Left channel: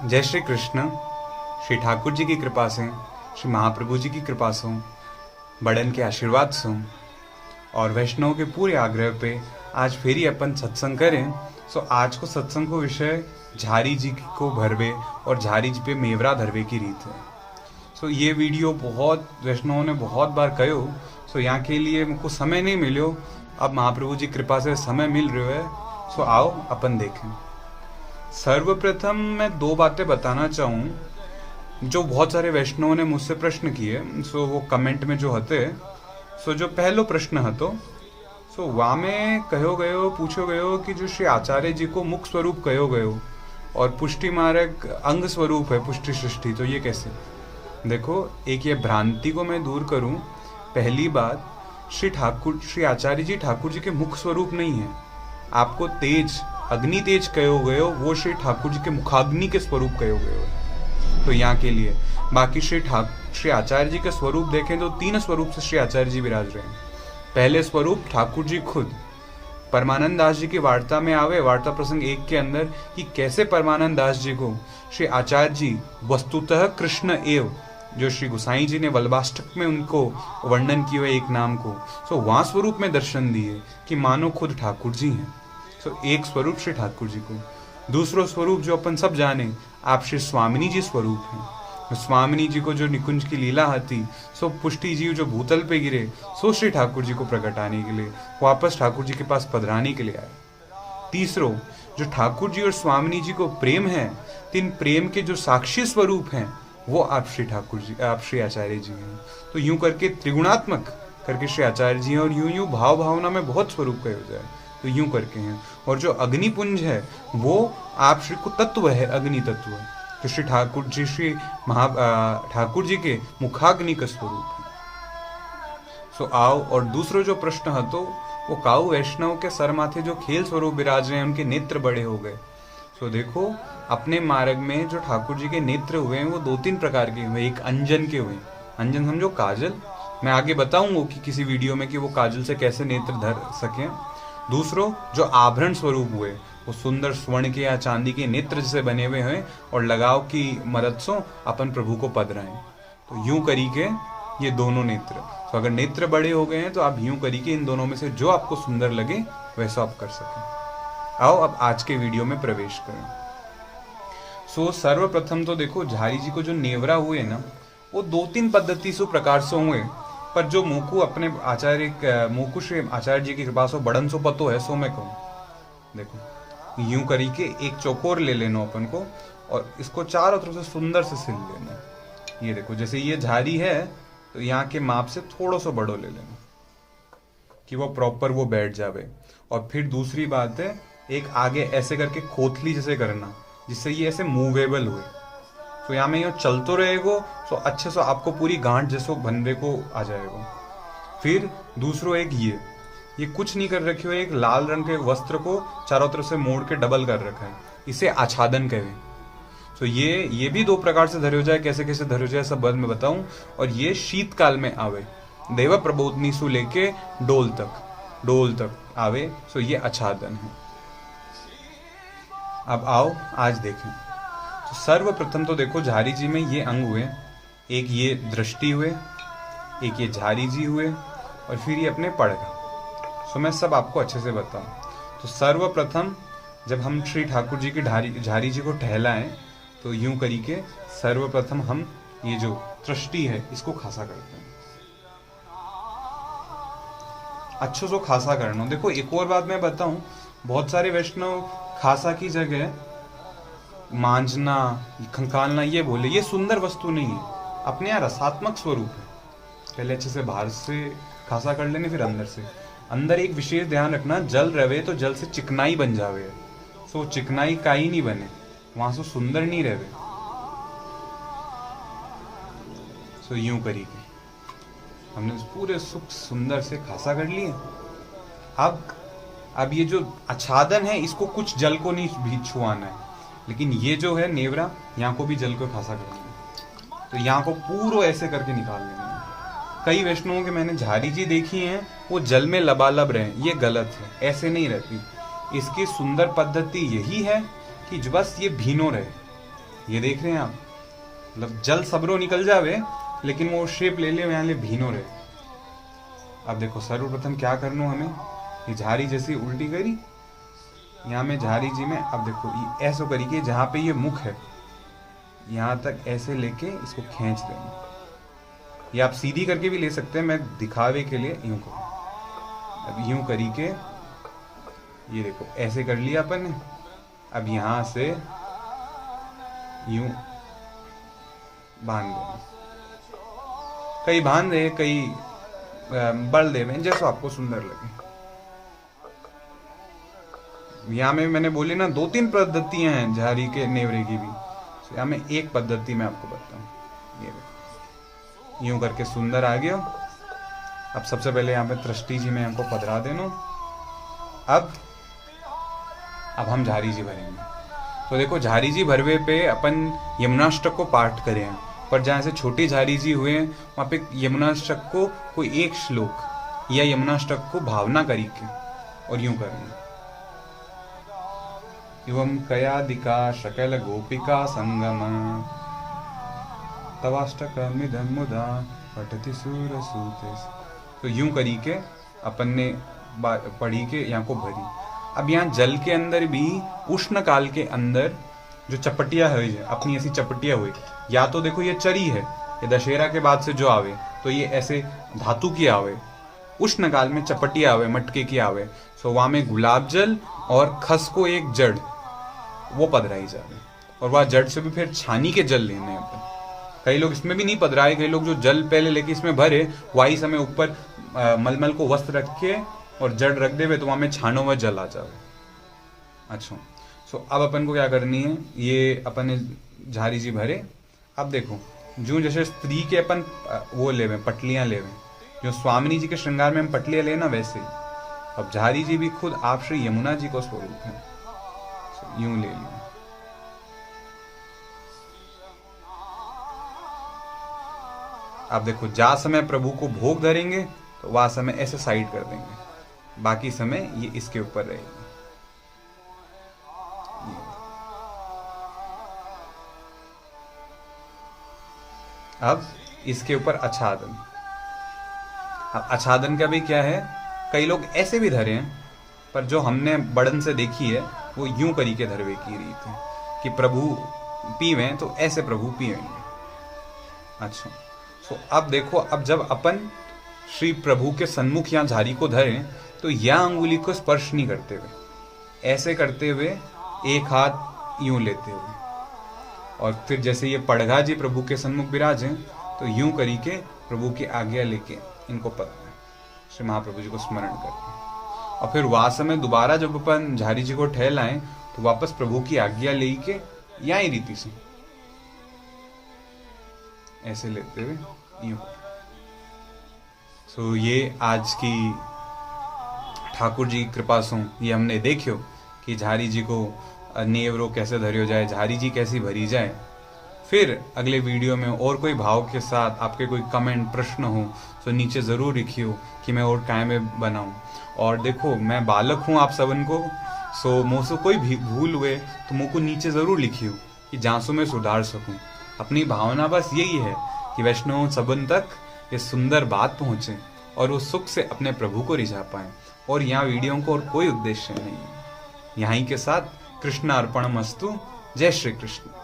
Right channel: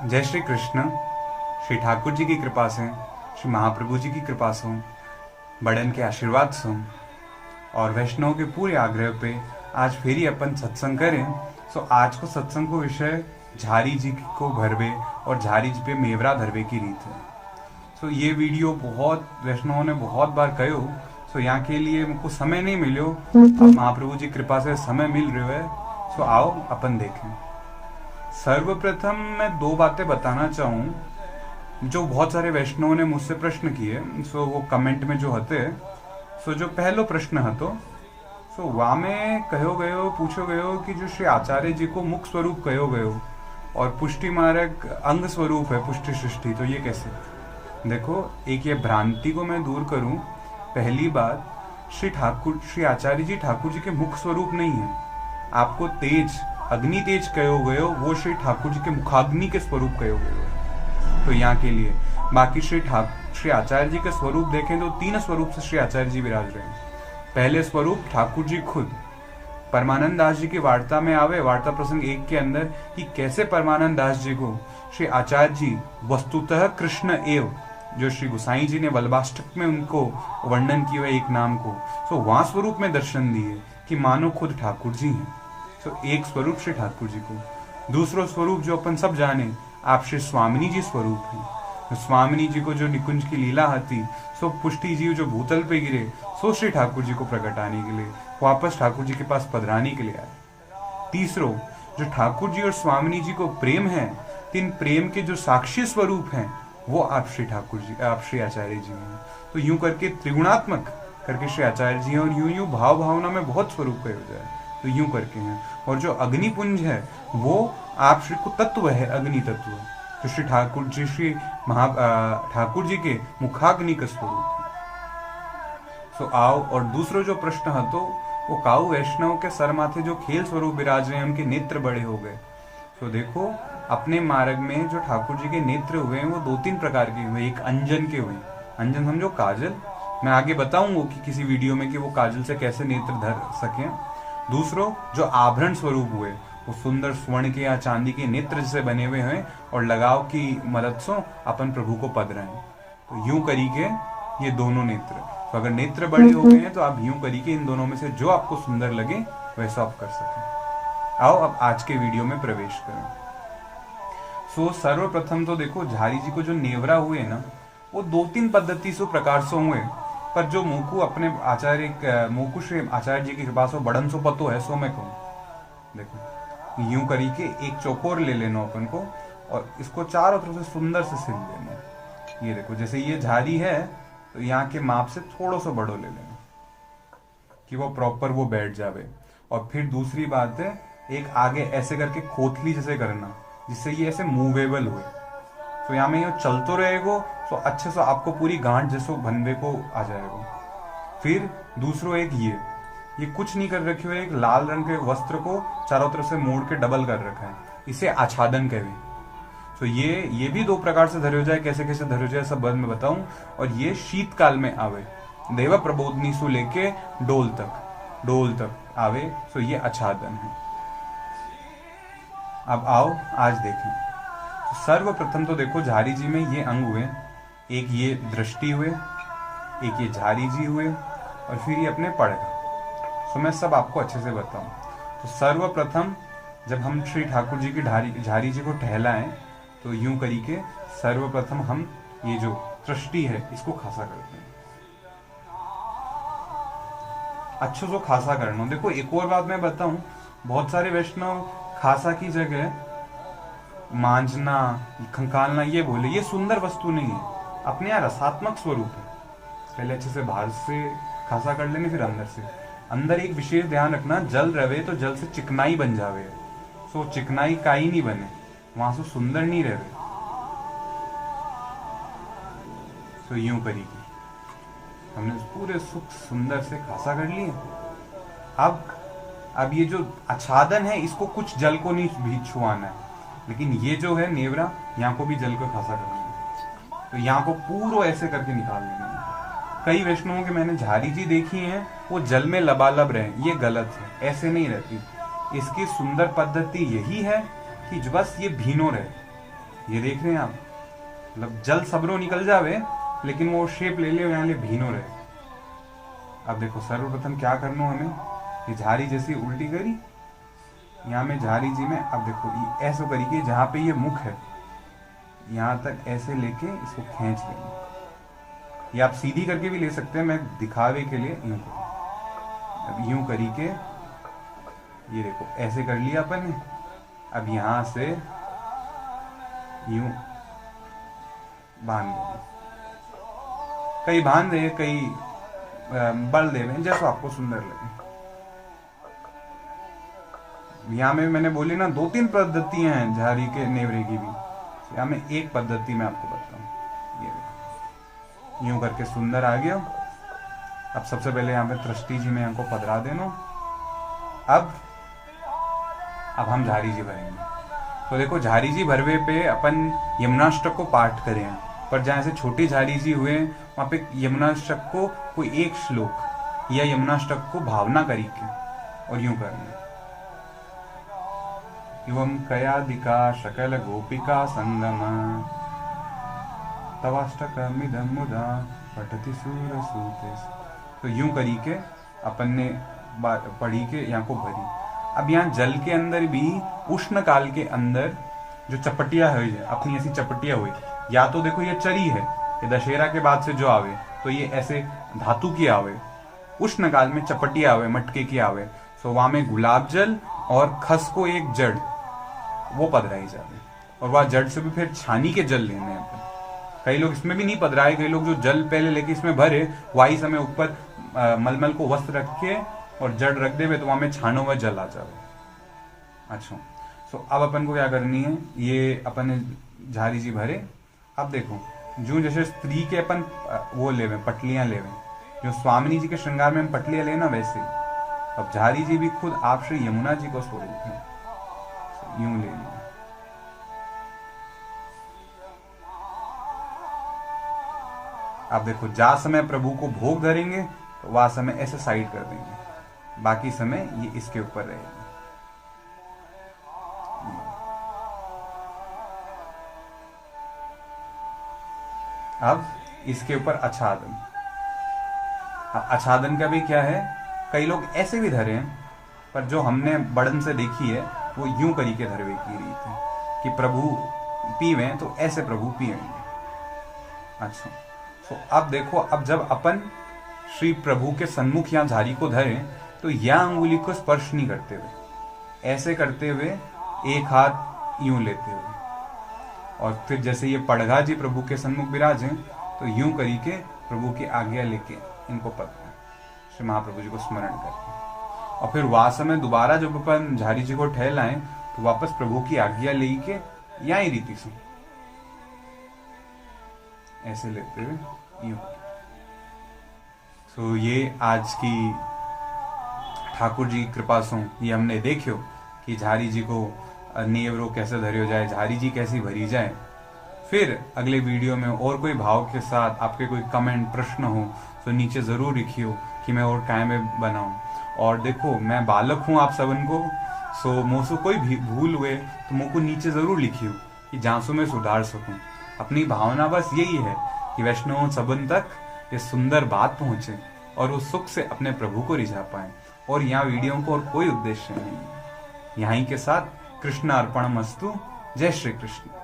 जय श्री कृष्ण। श्री ठाकुर जी की कृपा से, श्री महाप्रभु जी की कृपा से, बड़न के आशीर्वाद से और वैष्णव के पूरे आग्रह पे आज फिर ही अपन सत्संग करें। सो आज को सत्संग को विषय झारी जी को भरवे और झारी जी पे मेवरा धरवे की रीत है। सो ये वीडियो बहुत वैष्णवों ने बहुत बार कहो। सो यहाँ के लिए मुझको समय नहीं मिलो, अब महाप्रभु जी कृपा से समय मिल रहा है। सो आओ अपन देखें। सर्वप्रथम मैं दो बातें बताना चाहूँ जो बहुत सारे वैष्णवों ने मुझसे प्रश्न किए। सो वो कमेंट में जो हते, सो जो पहलो प्रश्न हतो, सो वहाँ में कहो गयो पूछो गयो कि जो श्री आचार्य जी को मुख स्वरूप कहो गयो और पुष्टि मार्ग अंग स्वरूप है पुष्टि सृष्टि, तो ये कैसे? देखो, एक ये भ्रांति को मैं दूर करूं। पहली बात, श्री आचार्य जी ठाकुर जी के मुख स्वरूप नहीं है। आपको तेज अग्नि तेज कहो गयो, वो श्री ठाकुर जी के मुखाग्नि के स्वरूप कहो गयो। तो यहाँ के लिए बाकी श्री आचार्य जी के स्वरूप देखें तो तीन स्वरूप से श्री आचार्य जी विराज रहे हैं। पहले स्वरूप ठाकुर जी खुद। परमानंद दास जी की वार्ता में आवे, वार्ता प्रसंग 1 के अंदर, कि कैसे परमानंद दास जी को श्री आचार्य जी वस्तुतः कृष्ण एव, जो श्री गोसाई जी ने वल्लभाष्टक में उनको वर्णन किया है एक नाम को, तो वहां स्वरूप में दर्शन दिए कि मानो खुद ठाकुर जी हैं। तो एक स्वरूप श्री ठाकुर जी को। दूसरो स्वरूप जो अपन सब जाने, आप श्री स्वामिनी जी स्वरूप हैं। स्वामिनी जी को जो निकुंज की लीला आती, सो पुष्टि जी जो भूतल पे गिरे, सो श्री ठाकुर जी को प्रकटाने के लिए वापस ठाकुर जी के पास पधराने के लिए आए। तीसरो, जो ठाकुर जी और स्वामिनी जी को प्रेम है, तीन प्रेम के जो साक्षी स्वरूप हैं, वो आप श्री ठाकुर जी, आप श्री आचार्य जी हैं। तो यूं करके त्रिगुणात्मक करके श्री आचार्य जी हैं, और यूं यूं भाव भावना में बहुत स्वरूप कहे जाए तो यूं करके हैं। और जो अग्निपुंज है वो आप श्री को तत्व है, अग्नि तत्व, तो श्री ठाकुर जी ठाकुर जी के मुखाग्नि का स्वरूप है। सो आओ, और दूसरो जो प्रश्न है तो वो काऊ वैष्णव के सर माथे जो खेल स्वरूप विराज रहे हैं, उनके नेत्र बड़े हो गए। तो देखो, अपने मार्ग में जो ठाकुर जी के नेत्र हुए हैं वो 2-3 प्रकार के हुए। एक अंजन के हुए, अंजन समझो काजल, मैं आगे बताऊंगा कि किसी वीडियो में कि वो काजल से कैसे नेत्र धर सकें। दूसरो जो आभरण स्वरूप हुए, वो सुंदर स्वर्ण के या चांदी के नेत्र से बने हुए हैं और लगाव की मदद से अपन प्रभु को पद रहे हैं। तो यूं करी के ये दोनों नेत्र, तो अगर नेत्र बड़े हो गए हैं तो आप यूं करी के इन दोनों में से जो आपको सुंदर लगे वैसा आप कर सकें। आओ अब आज के वीडियो में प्रवेश करें। सो सर्वप्रथम तो देखो, झारी जी को जो नेवरा हुए ना, वो 2-3 पद्धति से प्रकार से हुए, पर जो मोकू अपने मोकू श्री आचार्य जी की कृपा से बड़न सो पतो है, सो मैं कहूँ। देखो, यूं करी के एक चौकोर ले लेना अपन को और इसको चारों तरफ से सुंदर से सिल लेना। ये देखो, जैसे ये झारी है तो यहाँ के माप से थोड़ा सा बड़ो ले लेना कि वो प्रॉपर वो बैठ जावे। और फिर दूसरी बात है, एक आगे ऐसे करके खोथली जैसे करना, जिससे ये ऐसे मूवेबल हुए। तो यहाँ में ये चलतो रहेगा तो अच्छे से आपको पूरी गांठ जैसो बनवे को आ जाएगा। फिर दूसरो एक ये कुछ नहीं कर रखे हो, एक लाल रंग के वस्त्र को चारों तरफ से मोड़ के डबल कर रखा है, इसे आच्छादन कहे। तो ये भी 2 प्रकार से धरे हो जाए, कैसे कैसे धरे हो जाए सब बाद में बताऊं। और ये शीतकाल में आवे, देवा प्रबोधनी से लेके डोल तक आवे, तो ये आच्छादन है। अब आओ आज देखें। तो सर्वप्रथम तो देखो, झारी जी में ये अंग हुए, एक ये दृष्टि हुए, एक ये झारी जी हुए, और फिर ये अपने पड़ गए। तो मैं सब आपको अच्छे से बताऊं। तो सर्वप्रथम जब हम श्री ठाकुर जी की झारी जी को टहलाएं, तो यूं करी के सर्वप्रथम हम ये जो दृष्टि है इसको खासा करते हैं, अच्छे से खासा करना। देखो, एक और बात मैं बताऊं, बहुत सारे वैष्णव खासा की जगह मांझना खंकालना ये बोले, ये सुंदर वस्तु नहीं है, अपने यहाँ रसात्मक स्वरूप है। पहले अच्छे से बाहर से खासा कर लेने, फिर अंदर से। अंदर एक विशेष ध्यान रखना, जल रवे तो जल से चिकनाई बन जावे, सो चिकनाई काई नहीं बने, वहां से सुंदर नहीं रहे। सो यूं करी के हमने पूरे सुख सुंदर से खासा कर लिए। अब ये जो आच्छादन है, इसको कुछ जल को नहीं भी छुआना है, लेकिन ये जो है नेवरा, यहाँ को भी जल को खासा करना है। तो यहाँ को पूरा ऐसे करके निकाल लेना है। कई वैष्णवों के मैंने झारी जी देखी हैं, वो जल में लबालब रहे, ये गलत है, ऐसे नहीं रहती। इसकी सुंदर पद्धति यही है कि बस ये भीनो रहे, ये देख रहे हैं आप, मतलब जल सबरो निकल जावे लेकिन वो शेप ले ले यहाँ ले भीनो रहे। अब देखो सर्वप्रथम क्या करना हमें, ये झारी जैसी उल्टी करी, यहाँ में झारी जी में अब देखो ये ऐसा करी कि जहाँ पे ये मुख है यहाँ तक ऐसे लेके इसको खींच देंगे। ये आप सीधी करके भी ले सकते हैं, मैं दिखावे के लिए यूं करूँ। अब यूं करी के ये देखो ऐसे कर लिया अपन ने। अब यहाँ से यूं बांध दो, कई बांध दे कई बल दे में, जैसा आपको सुंदर लगे। यहाँ में मैंने बोली ना 2-3 पद्धतियां हैं झारी के नेवरे की भी, यहाँ में एक पद्धति मैं आपको बताऊं। ये देखो यूं करके सुंदर आ गया। अब सबसे पहले यहाँ पे तृष्टि जी में हमको पधरा देना। अब हम झारी जी भरेंगे। तो देखो झारी जी भरवे पे अपन यमुनाष्टक को पाठ करें, पर जहाँ से छोटी झारी जी हुए वहां पे यमुनाष्टक को कोई एक श्लोक या यमुनाष्टक को भावना करी के और यूं करना। एवं कयादिका शकल गोपिका संगम तवाष्टकमिदं मुदा पठति सूर सूते। तो यूं करी के अपन ने पढ़ी के यहाँ को भरी। अब यहाँ जल के अंदर भी उष्ण काल के अंदर जो चपटिया हुई है, अपनी ऐसी चपटिया हुई, या तो देखो ये चरी है, ये दशहरा के बाद से जो आवे तो ये ऐसे धातु की आवे, उष्ण काल में चपटिया आवे, मटके की आवे। तो वहां में गुलाब जल और खस को एक जड़ वो पधराई जाए, और वह जड़ से भी फिर छानी के जल लेने हैं। कई लोग इसमें भी नहीं पधराए, कई लोग जो जल पहले लेके इसमें भरे वही समय ऊपर मलमल को वस्त्र रख के और जड़ रख दे तो वहां में छानो में जल आ जाए। अच्छा, तो अब अपन को क्या करनी है, ये अपन ने झारी जी भरे। अब देखो जो जैसे स्त्री के अपन वो लेवे पटलियां लेवे, जो स्वामिनी जी के श्रृंगार में हम पटलियां लेना वैसे ही अब झारी जी भी खुद आप श्री यमुना जी को स्वरूप है, यूं ले लिया। आप देखो जा समय प्रभु को भोग धरेंगे तो वह समय ऐसे साइड कर देंगे, बाकी समय ये इसके ऊपर रहेगा। अब इसके ऊपर आच्छादन। आच्छादन का भी क्या है, कई लोग ऐसे भी धरे हैं, पर जो हमने बड़न से देखी है वो यूं करी के धरवे की रही थी कि प्रभु पीवे तो ऐसे प्रभु पीवेंगे। अच्छा, तो अब देखो, अब जब अपन श्री प्रभु के सन्मुख या झारी को धरें तो यह अंगुली को स्पर्श नहीं करते हुए, ऐसे करते हुए एक हाथ यूं लेते हुए, और फिर जैसे ये पड़घा जी प्रभु के सन्मुख विराजे तो यूं करी के प्रभु की आज्ञा लेके इनको पकड़े, श्री महाप्रभु जी को स्मरण करके, और फिर वहां समय दोबारा जब अपन झारी जी को ठहलाएं तो वापस प्रभु की आज्ञा लेके यही रीति से ऐसे लेते हुए यूं। सो ये आज की ठाकुर जी की कृपा से ये हमने देखियो कि झारी जी को नेवरो कैसे धरियो जाए, झारी जी कैसी भरी जाए। फिर अगले वीडियो में और कोई भाव के साथ आपके कोई कमेंट प्रश्न हो तो नीचे जरूर लिखियो कि मैं और टाइम में बनाऊं। और देखो मैं बालक हूँ आप सबन को, सो मुझसे कोई भी भूल हुए तो मुझको नीचे जरूर लिखियो कि जांसू में सुधार सकूं। अपनी भावना बस यही है कि वैष्णव सबन तक ये सुंदर बात पहुंचे और उस सुख से अपने प्रभु को रिझा पाए। और यहाँ वीडियो को और कोई उद्देश्य नहीं है। यहीं के साथ कृष्ण अर्पण मस्तु। जय श्री कृष्ण।